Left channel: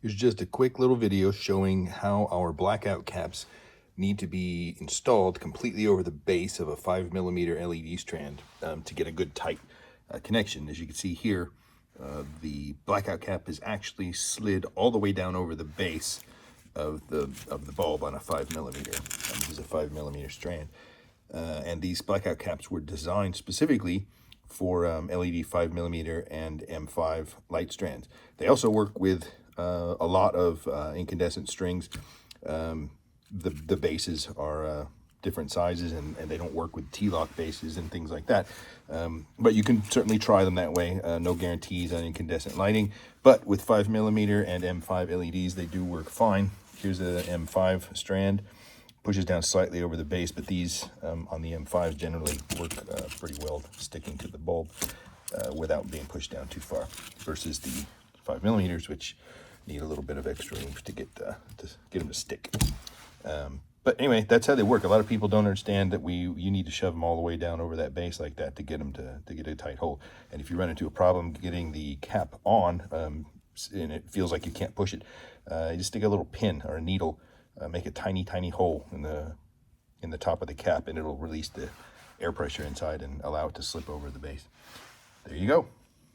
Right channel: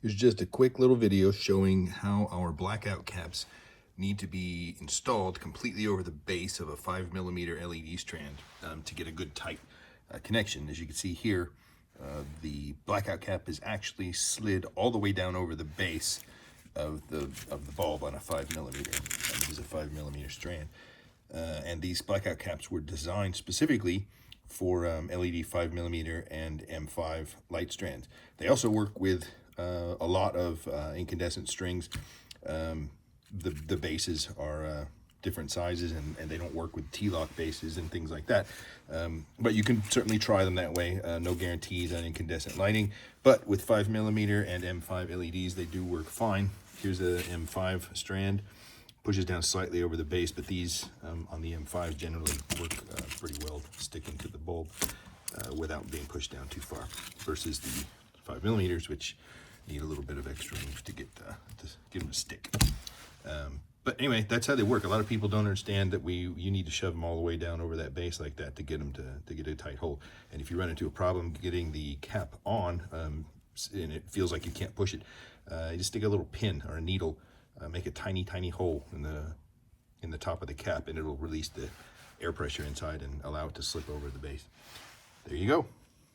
Here's just a quick little video showing how our blackout caps need to be installed completely over the base of a 5mm LED strand to get a good tight connection. As you can see here, the blackout cap is actually slid all the way down over the base of the bulb on a 5mm. This is a 5mm strand. And these blackout caps were designed specifically for LED 5mm and M5 light strands. They also work with a lot of incandescent strings. The bases are different sizes, and they don't work with T-lock bases and things like that. But you can certainly try them that way. No guarantees on incandescent lighting, but with 5mm and M5 LEDs, they do work fine. Here's the M5 strand. Pushes down slightly over the base, but these on the M5s generally work pretty well sticking to the bulb without being pushed down too far, versus the 5mm, which need a little bit of extra oomph to get them to stick. But anyway, that's how they work. A lot of people don't understand that you need to shove them all the way down over that base like that to get them to get a tight hole. And if you run into a problem getting the cap on and it feels like you can't push it, you just stick a little pin or a needle, make a tiny hole in the top of the cap, and it'll release the air pressure inside and allow it to slip over the base. There you go.